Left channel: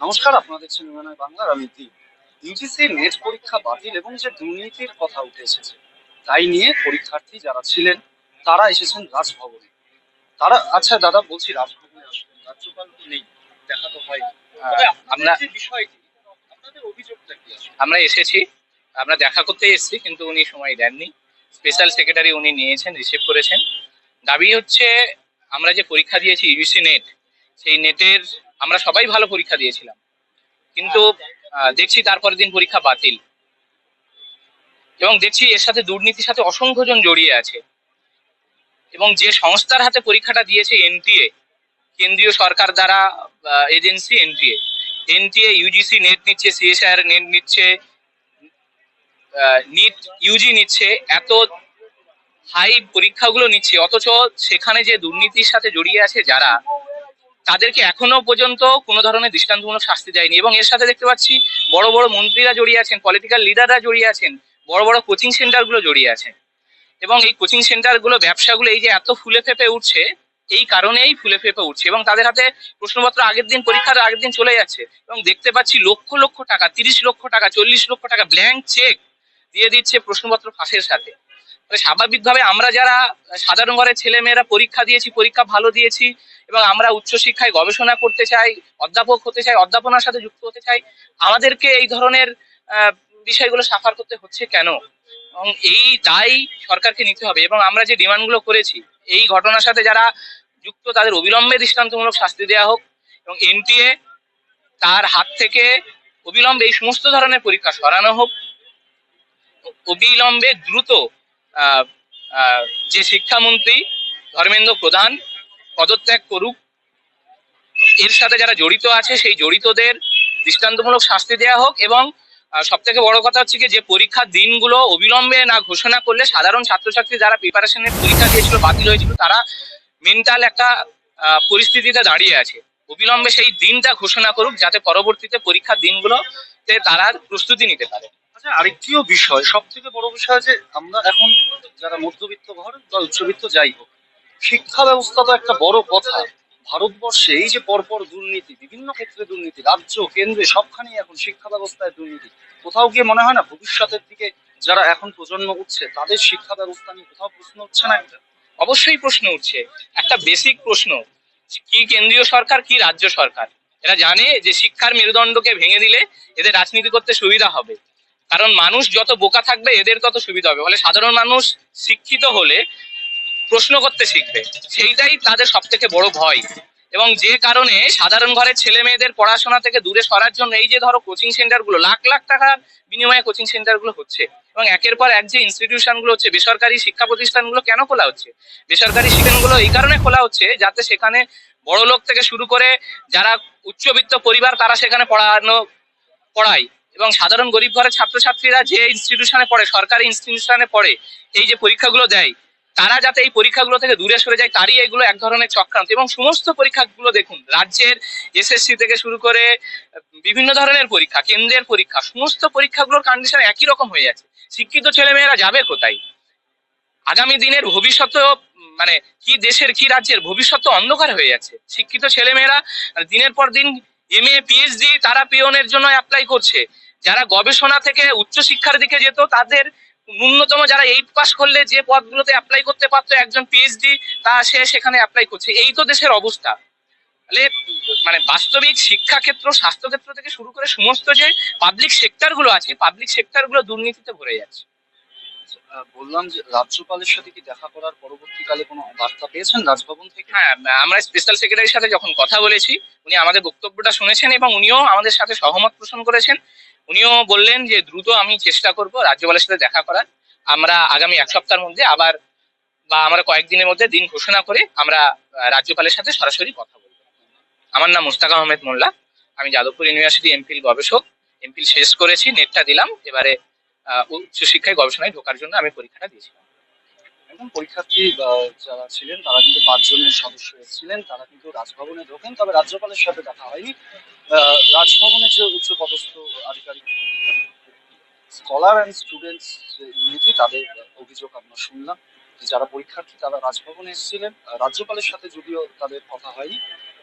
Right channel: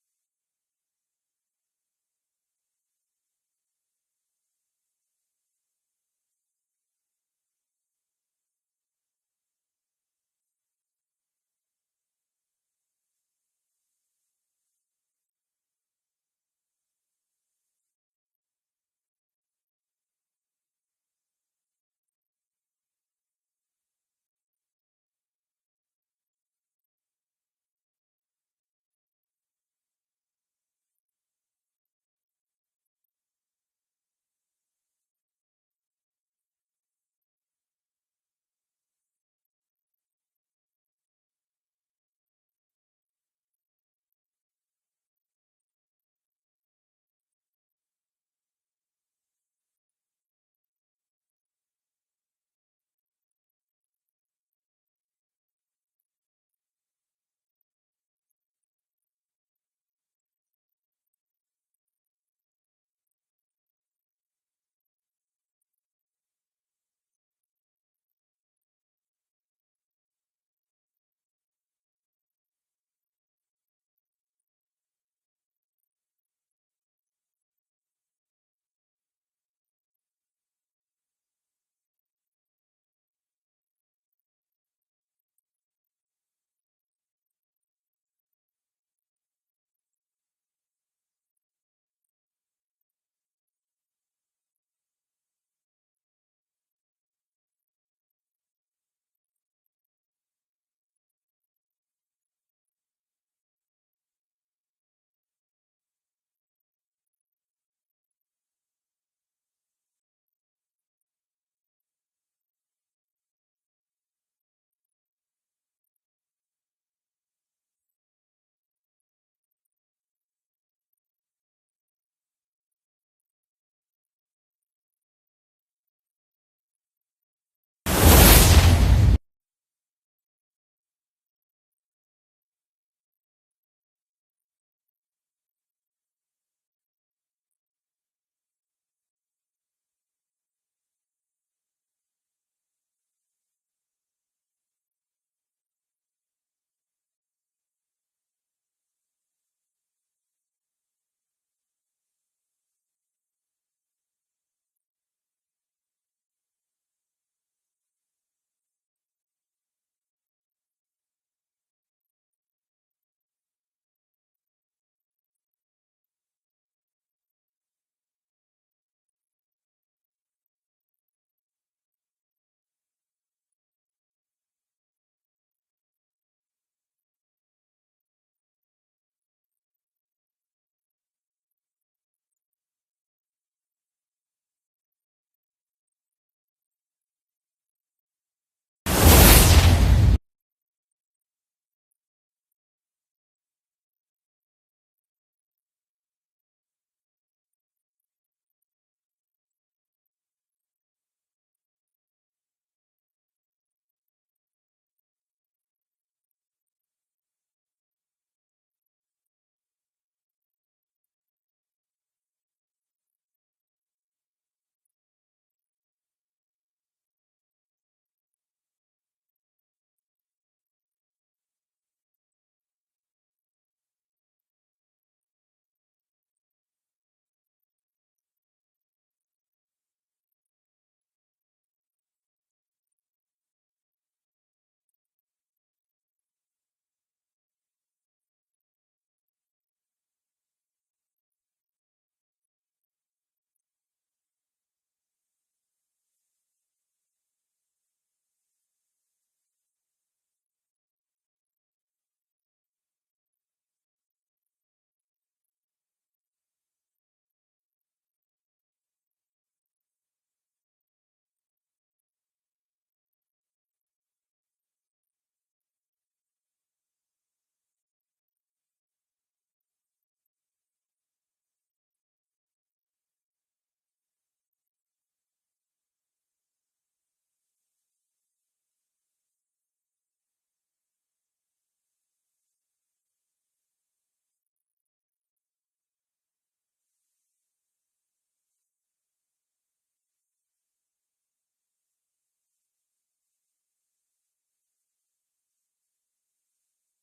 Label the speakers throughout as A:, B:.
A: নমস্কার আপনাদের সিনেমানায় বাংলার আমি দীপ ইউজিসি নেট পরীক্ষা বাতিল এবং যে দুর্নীতির কথা উঠে এসেছে তাই নিয়ে পরীক্ষার্থী যারা ছিলেন তারা এসেছেন রাজভবনে। তারা আচ্ছা দাদা বলছি রাজভবনে আসবেন রাজ্যপাল তো নেই দেখা তো হয়নি। তবে
B: আমরা
A: যে বিষয়টি আপনাদের অভিযোগটা কি
B: আমরা এসেছি আমরা দেখা করতে এসেছি কিন্তু উনি সময় দেননি। স্পেশাল সেক্রেটারি উনি নিয়েছেন রিসিভ করেছেন। দাবি হচ্ছে আমরা যে পরীক্ষা দিয়েছি ইউসি নেট সেই নেটের আমরা সবাই ভালো পরীক্ষা দিয়েছিলাম। কিন্তু আহ, দেখছি তারপরের দিন পরীক্ষা বাতিল। এবং দেখছি এর সাথে দুর্নীতির সাথে অসংখ্য জন জড়িয়ে আছে। এবং যে সংস্থার হাতে পরীক্ষাটা দিয়েছে এনটিএ কেন্দ্রীয় সরকার দ্বারা agency NTA NTA UGC NET নিচ্ছে সিএসআর নেট নিচ্ছে নিট ইউজি নিচ্ছে এত হাই পরীক্ষাগুলো নিচ্ছে অথচ সেখানে যে দুর্নীতির সাথে জড়িয়ে আছে যারা তাদেরকে এখনও পর্যন্ত কোনো ধরনের দৃষ্টান্তমূলক শাস্তি দেয়নি। এবং এর সাথে দেখতে পাচ্ছি, বড় বড় মন্ত্রীরা জড়িয়ে আছেন পলিটিক্যাল লিডাররা জড়িয়ে আছেন, বড় বড় কোচিং সেন্টারগুলো জড়িয়ে আছেন। এবং এই কোচিং সেন্টার সেন্টারগুলো ব্যবসাগুলো, এই যে এত ফুলে ফেপে উঠছে, এই কারণেই ফুলে ফেপে উঠছে। এবং তাদের হাতে প্রশ্নপত্র আগের দিন, পরীক্ষার আগের দিন চলে যাচ্ছে। এবং দেখতে পাচ্ছি লক্ষ লক্ষ টাকা, তিরিশ লক্ষ টাকা, চল্লিশ লক্ষ টাকা ব্ল্যাঙ্ক চেক দিয়ে দিচ্ছে প্রশ্নপত্র ফাঁসের সাথে। স্বাভাবিকভাবে আমরা যারা সাধারণ ঘরের ছেলে মেয়েরা পরীক্ষা দিয়েছি, পরীক্ষা ভালো দিয়েছি এবং আমরা উচ্চশিক্ষায় গবেষণা করতে চাই, অধ্যাপক হতে চাই, অধ্যাপনার সাথে যুক্ত হতে চাই, আমাদেরকে এই ধরনের বিষয়গুলো সাফার করতে হচ্ছে কেন? এবং এই দায় সরকারকে নিতে হবে এবং আমরা যে ডিমান্ডগুলো করেছি, এই ঘটনার সাথে যারা যুক্ত তাদের অবিলম্বে দৃষ্টান্তমূলক শাস্তি দেওয়া হোক এবং এনটিএ তার হাত থেকে অবিলম্বে এই সমস্ত ধরনের পরীক্ষা সরানো হোক। অবিলম্বে দ্রুত যে শিক্ষামন্ত্রী ধর্মেন্দ্র প্রধান পদত্যাগ করুক, এর সাথে যারা জড়িত আছে, সেই জড়িতদের দৃষ্টান্তমূলক শাস্তি দেওয়া হোক এবং সব থেকে বড় কথা হচ্ছে যে পরীক্ষার দিনগুলো অবিলম্বে না ঘোষণা করলে সাধারণ ছাত্রছাত্রী যারা প্রিপারেশনের পরীক্ষা দিয়েছিল, বাতিল হয়েছিল, তারা মেন্টাল একটা পরিস্থিতিতে দাঁড়িয়ে আছে। অবিলম্বে সেই দিনটা ঘোষণা করুক যাতে পরবর্তীতে পরীক্ষার দিনগুলোতে তারা প্রস্তুতি নিতে পারে।
A: আচ্ছা আরেকটিও বিষয় সব থেকে বড় বিষয় যে আমরা এখন যারা মধ্যবিত্ত ঘর বা উচ্চবিত্ত যাই হোক শিক্ষা ব্যবস্থা তো একটা বড় কথা। ভারতবর্ষে এই যে পরপর দুর্নীতি বিভিন্ন ক্ষেত্রে দুর্নীতি রাজ্য কেন্দ্রে সবখানেই এখন শিক্ষা ব্যবস্থায় দুর্নীতি। কোথাও গিয়ে মনে হয় না ভবিষ্যতের দিকে যারা এখন প্রজন্ম উঠছে তাদের শিক্ষা ব্যবস্থা নিয়ে কোথাও প্রশ্ন হচ্ছে না
B: অবশ্যই প্রশ্ন উঠছে। একটা বেসিক প্রশ্ন কি কেন্দ্রীয় সরকার কি রাজ্য সরকার? এরা জানে যে শিক্ষার মেরুদণ্ডকে ভেঙে দিলে এদের রাজনীতি করতে সুবিধা হবে। কারণ মানুষ যত বোকা থাকবে, এদের তত সুবিধা হবে। ফলে সাধারণ মানুষ শিক্ষিত হলে প্রশ্ন করতে শিখবে। সেইটাই তাদের সব থেকে বড় ভয়। এবং যে কারণে সাধারণ ঘরের ছেলে মেয়েদের পড়াশোনা থেকে দূরে সরার জন্য এই যে ধরো কোচিং সেন্টারগুলো, লাখ লাখ টাকার বিনিময়ে কোচিং সেন্টারগুলো হচ্ছে। এবং একের পর এক যে ইনস্টিটিউশনগুলো হচ্ছে, বেসরকারি শিক্ষা প্রতিষ্ঠানগুলো কেন খোলা হচ্ছে? বেসরকারি শিক্ষাগুলো এই কারণে খোলা হচ্ছে যাতে সেখানে বড় লোক থেকে শুরু করে যারা উচ্চবিত্ত পরিবার তারা সেখানে পড়ানো, পড়ায়। এবং সাধারণ গরিব ঘরের ছাত্রছাত্রীরা যে ইনস্টিটিউশনে পড়ে, সরকারি ইনস্টিটিউশনে পড়ে, এই যে পরীক্ষাগুলো দেয় তারা যাতে এই পরীক্ষাগুলো থেকে দূরে সরে যায়, তারই এগুলো এক ধরনের চক্রান্ত। এবং সমস্ত পরীক্ষাগুলো দেখুন, রাজ্যের এসএসসি থেকে শুরু করে বিভিন্ন ধরনের পরীক্ষা, কেন্দ্রের পরীক্ষা, সমস্ত পরীক্ষাগুলোর কন্ডিশন একই রকম হয়ে যাচ্ছে। শিক্ষিত ছেলেমেয়েরা যাবে কোথায়? আগামী দিনের ভবিষ্যৎ মানে কি দেশের, কি রাজ্যের ভবিষ্যৎ অন্ধকার হয়ে যাচ্ছে। শিক্ষিত ছেলেমেয়েরা দিনের পর দিন এম এ পিএইচডি তারা পিওনের জন্য অ্যাপ্লাই করছে। যারা গবেষণা থেকে উচ্চশিক্ষার দিকে যেত, তাদের ন্যূনতম যারা এইট পাস করলে যে পদগুলোতে অ্যাপ্লাই করতে পারতো, একজন পিএইচডি তা সে সেখানে অ্যাপ্লাই করছে। এই তো দেশের অবস্থা। তাহলে মানে বাস্তবিক শিক্ষা ক্ষেত্র স্বাস্থ্য ক্ষেত্র থেকে শুরু করে সমস্ত যে পাবলিক সেক্টরগুলো আছে পাবলিক সেক্টরগুলো দুর্নীতিতে ভরে যাচ্ছে।
A: বললাম যে রাজ্যপালের সাথে কি দেখা করার পরবর্তীকালে কোনো বার্তা পেয়েছেন রাজভবন থেকে?
B: হ্যাঁ আমরা স্পেশাল সেক্রেটারির সাথে যখন কথা বলেছি, উনি আমাদের বক্তব্যটা শুনেছেন এবং উনিও আমাদের সাথে সহমত পোষণ করেছেন। উনিও বললেন যে, দ্রুত আমি চেষ্টা করব রাজ্যপালের সাথে দেখা করার। আমরা আগামী এক সপ্তাহের মধ্যে আবার বা আমরা কয়েকদিনের মধ্যে দিন ঘোষণা করে আমরা রাজ্যপালের সাথে সরাসরি কথা বলব। আমার নাম মুস্তাক আহমেদ মোল্লা। আমি যাদবপুর ইউনিভার্সিটি এমফিল গবেষক। এমফিল শেষ করেছি নেটটা দিলাম। এবারে উচ্চশিক্ষায় গবেষণায় ঢোকার জন্য আমি পরীক্ষাটা দিয়েছিলাম।
A: পরীক্ষার্থী যারা ছিলেন তারা কিন্তু পাঁচজনের সদস্য ছিলেন তারা কিন্তু রাজভবনে ঢোকেন তবে রাজ্যপালের সাথে দেখা হয়নি। আহ, রাজভবনের যে উচ্চ পদস্থ আধিকারিক স্কলার অ্যান্ড স্টুডেন্টস ইউনিটি তাদের অভিযোগ আমরা শুনলাম। যারা পরীক্ষার্থী তারা রাজভবনে এসেছিলেন। রাজ্যপালের সাথে যদিও তাদের কথা হয়নি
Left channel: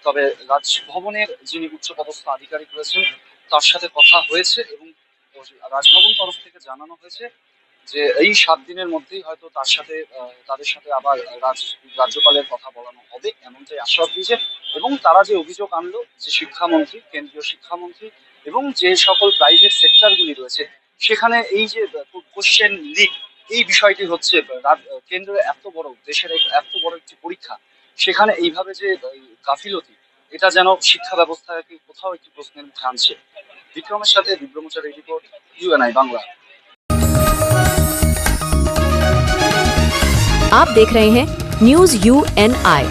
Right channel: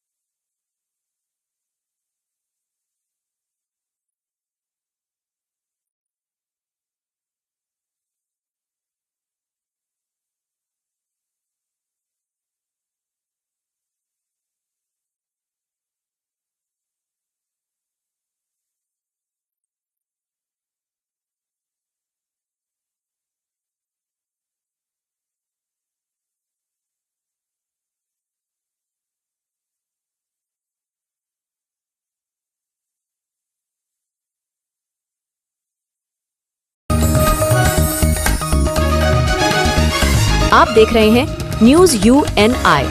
A: তবে রাজভবনের যিনি উচ্চপদস্থ আধিকারিক রয়েছেন তার সাথে কথা হয়েছে এবং রাজভবন তরফ থেকে জানানো হয়েছে যে এই সাত দিনের মধ্যেই হয়তো তার সাথে তাদের সাথে আবার রাজ, রাজ্যপালের কথা বলানো হবে, এমনটাই আশ্বাস দিয়েছে এবং তারা যে অভিযোগ আনলো যে শিক্ষামন্ত্রী, কেন্দ্রীয় শিক্ষামন্ত্রী এবং যে সকল প্রাইভেট সেক্টরগুলি রয়েছে, সেখানে এই যে কোশ্চেন লিক এই বিষয়টি হচ্ছে কেন্দ্রের এত বড়, দেশের এত বড় একটি পরীক্ষা, সেখানে এইভাবে যে গাফিলতি, এটা যেন শিক্ষা ব্যবস্থাকে কোথাও একটি প্রশ্নের মুখে আনছে। বিক্রমের সাথে বিক্রমচারী রিপোর্ট ইউএনআই বাংলা
C: आप देख रहे हैं न्यूज यू एन आई